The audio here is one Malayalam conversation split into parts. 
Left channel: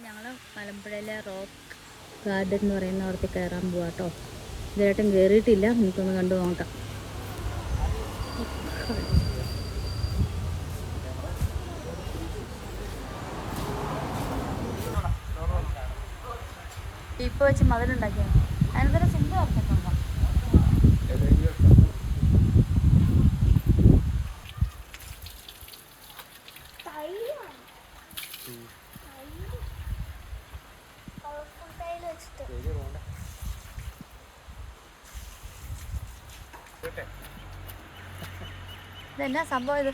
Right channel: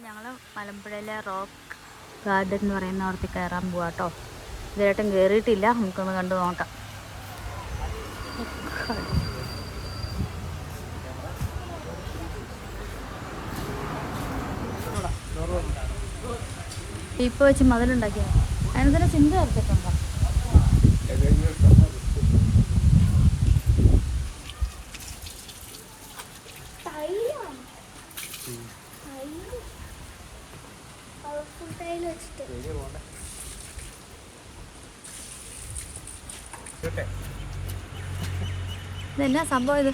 ഞങ്ങൾ മലമ്പുഴയിലെ റോക്ക് ഗാർഡൻ എന്ന് പറയുന്ന അവിടത്തെ കയറാൻ പോവാം കേട്ടോ. ഇതുവരെയായിട്ടും കയറിയിട്ടില്ല, നമുക്കൊന്ന് കണ്ടു നോക്കാം. ഇപ്പോൾ വെച്ച് മതിലുണ്ടാക്കിയത് അതിന് തന്നെ സിന്ധു ചേർത്തിട്ടുണ്ടോ? ഇതെന്നാ സംഭവം ഇത്?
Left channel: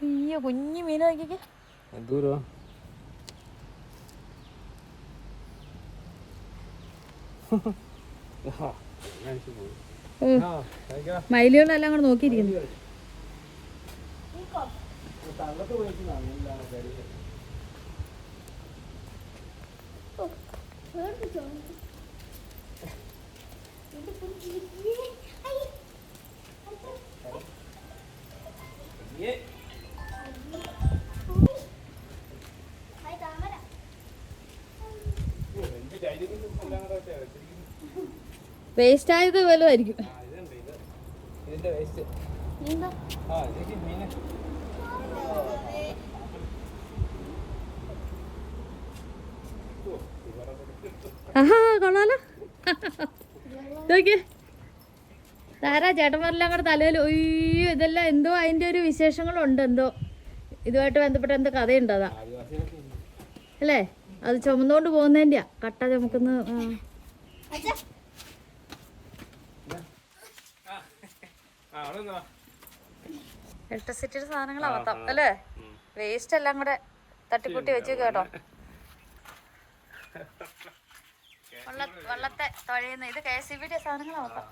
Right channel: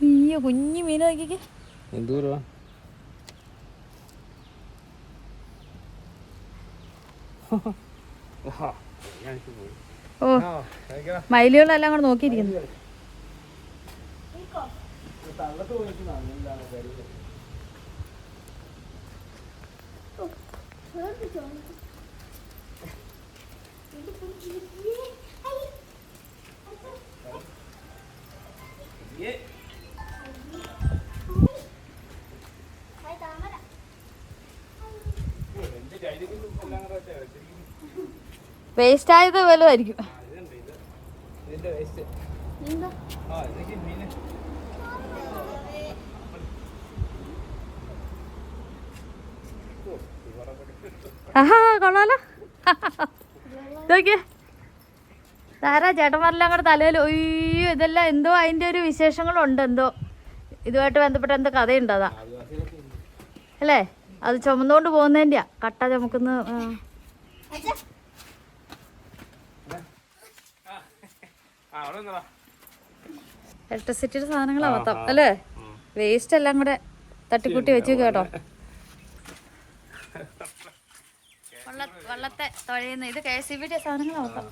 അയ്യോ, കുഞ്ഞു മീൻ നോക്കിക്കേ. എന്തൂരോ ഓ, മയിലുകളെല്ലാം കൂടെ നോക്കിയിരിക്കുന്നു. വേസ്റ്റ് ആയത് വലുതായിരിക്കും. ആഹാ, കൊള്ളാലോ. നോക്കിയേ, ധാരാ ചേട്ടന്മാരെല്ലാം കൂടെ തലയിൽ. ഒയ്യോ, ഇതെല്ലാം എന്തോ അതിൻ്റെ ഒരു വിശേഷങ്ങളുണ്ട്. എന്തോ ഇതുമായിട്ട് ബന്ധപ്പെട്ട എന്തോ കഥയുണ്ട്. അതാ അല്ലേ, അത് ചുമന്നുകൊണ്ട് പോകുന്നതിൻ്റെയാ. കട്ട ചുമക്കുന്ന ഇലക്ട്രിസിറ്റിയുടെ സാധനങ്ങളാ മൊത്തം അല്ലേ. വേസ്റ്റ് എല്ലാം കൂടെ തട്ടിക്കൂട്ടി വെച്ച് കേട്ടോ. വള്ളത്തെ തുഴയുന്ന ഇത് KCB സാധനങ്ങളാ മൊത്തം.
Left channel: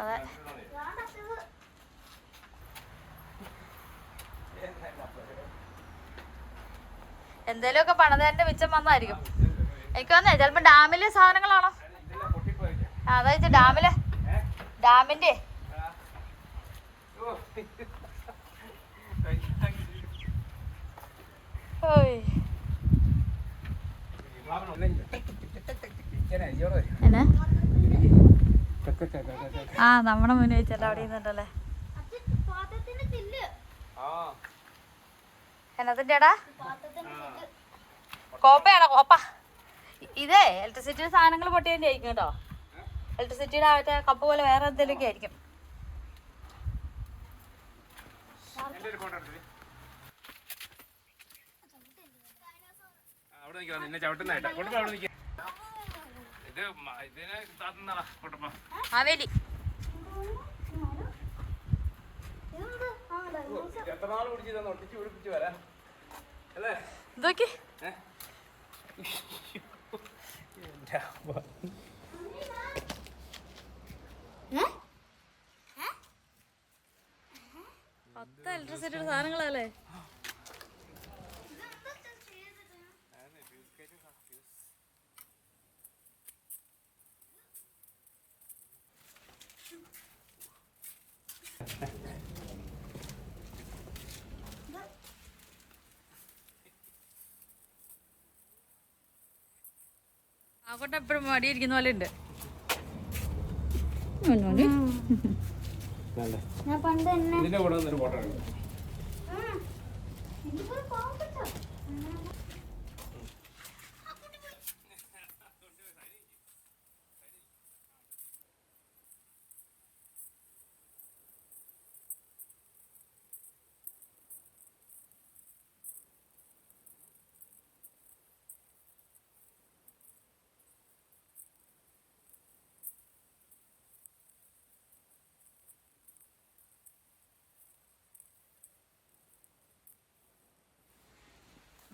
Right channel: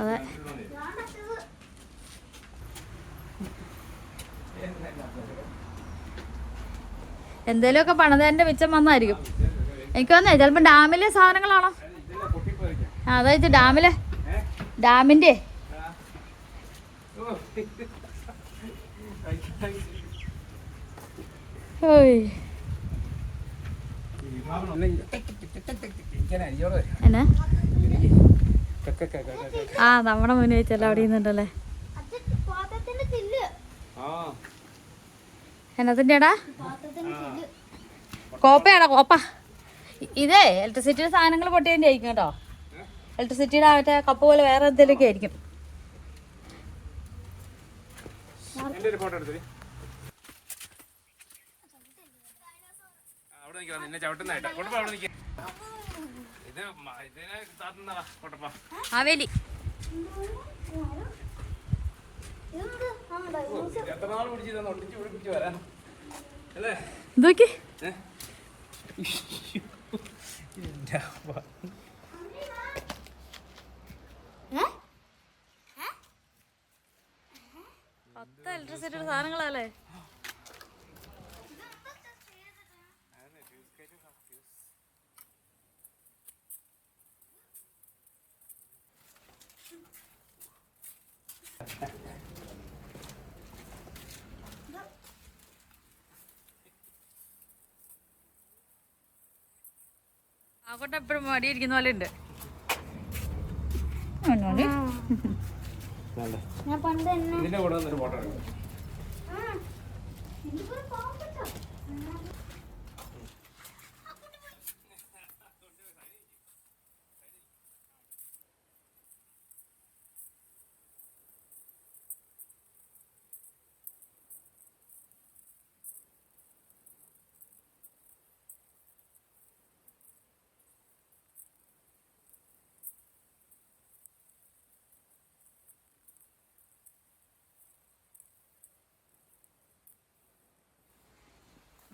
അതെ, എന്തേലുമൊക്കെ പണിതേൻ്റെ മിച്ചം വന്നായിരിക്കും. എനിക്ക് വന്നേ ചിലപ്പോൾ ഡാമിലെ സാധനങ്ങളാണോ? അതായത് ഡാമിൻ്റെ എന്നാ നമ്മുടെ മുന്നേ വെച്ചല്ല അവിടെ നിന്നുണ്ടല്ലേ. എന്നതിൻ്റെടാ കോപ്പയാടാ, കോപ്പ. ഇതേ ഇലക്ട്രിസിറ്റിയുടെ സാധനങ്ങൾ പൊട്ടിയതിൻ്റെ ആയിരിക്കും കേട്ടോ. ഇലക്ട്രിസിറ്റിയുടെ മറ്റേ കപ്പ് പോലെ വേറെ എന്തെങ്കിലുമൊക്കെ ആയിരിക്കും. ആവേലി ഇതൊക്കെ ഇലക്ട്രിസിറ്റിയുടെ സാധനങ്ങളല്ലേ. ആകട്ടെ എപ്പോഴും മടിയിരിക്കുന്ന പോലെ ഉണ്ട്.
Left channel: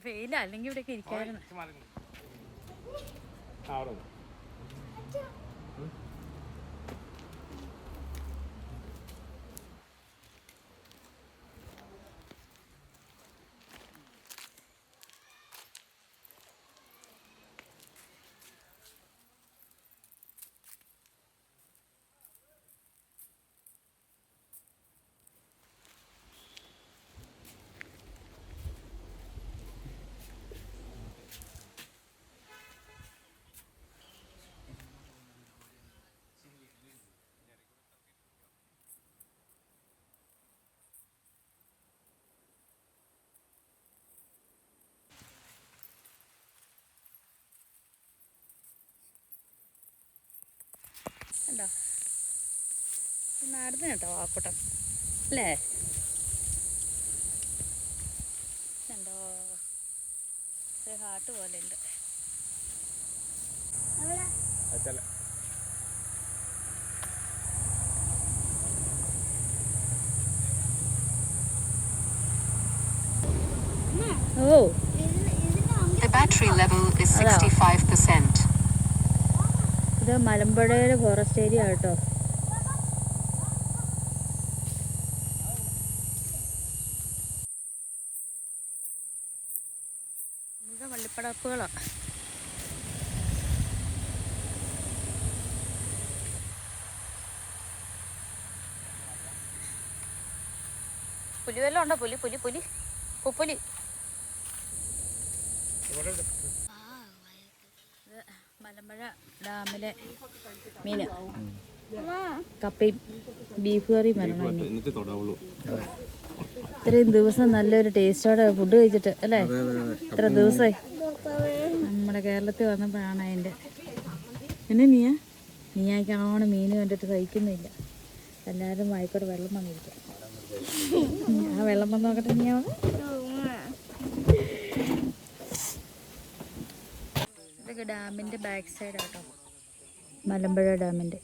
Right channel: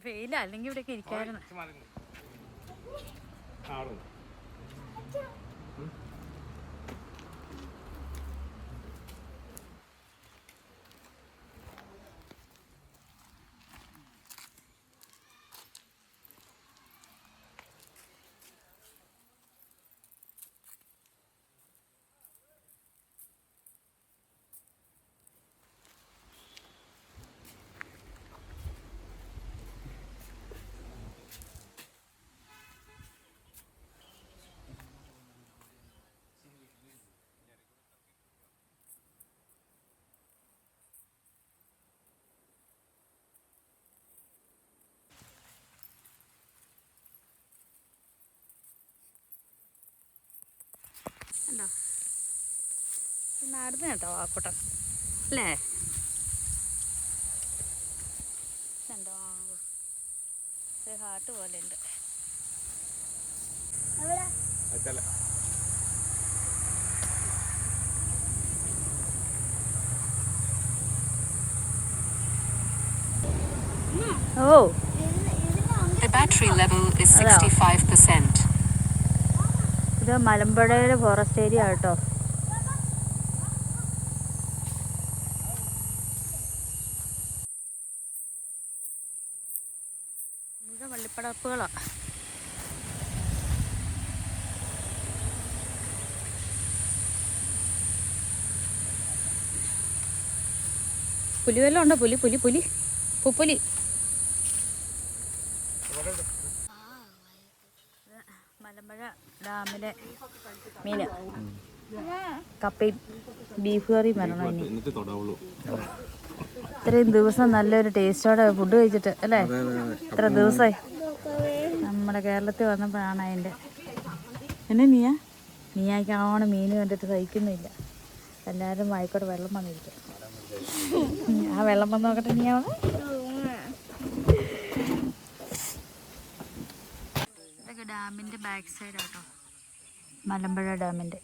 വെയില, അല്ലെങ്കിൽ ഇവിടെയൊക്കെ ഇരിക്കായിരുന്നു. നടന്നു കേട്ടോ വാക്കൂട്ടം അല്ലേ? എന്തോ ഒരു ഹാർട്ട് പോലെ ഉണ്ട്. ഓ, The battery level is 65%. ഇത് മലമ്പുഴയിലെ ഫോറസ്റ്റ് ഏരിയ കേട്ടോ. ഇത് വള്ളിപ്പടർപ്പുകളാ. പുലി വല്ലതും ഉണ്ടോ? പുലി പുലി പുലി പുപ്പുലി. മലമ്പുഴ ഡാമിലെ മീന് കപ്പയും ബീഫ് കറിയും വരണം. ഇത്രയും ദിവസം നല്ലൊരു ടേസ്റ്റോടെ ഫുഡ് കഴിച്ചിട്ട് അല്ലേ? ഇത്ര ദിവസമായി നമ്മുടെ കേരളത്തിൽ വന്നപ്പോഴാണ് അതിൻ്റെ. എന്നെ നീയായിക്കാണോണം മീൻ കണ്ടിട്ട് സഹിക്കുന്നില്ല. എല്ലാവരും വായിക്കോട്ടെ വെള്ളം വന്നിരിക്കും. ആ വെള്ളം വന്ന് നോക്കട്ടെ നീയാവണം. ഇതൊക്കെ ഡാമിൻ്റെ ബാക്ക് സൈഡാട്ടോ, മലമ്പുഴ ഡാമിൻ്റെ.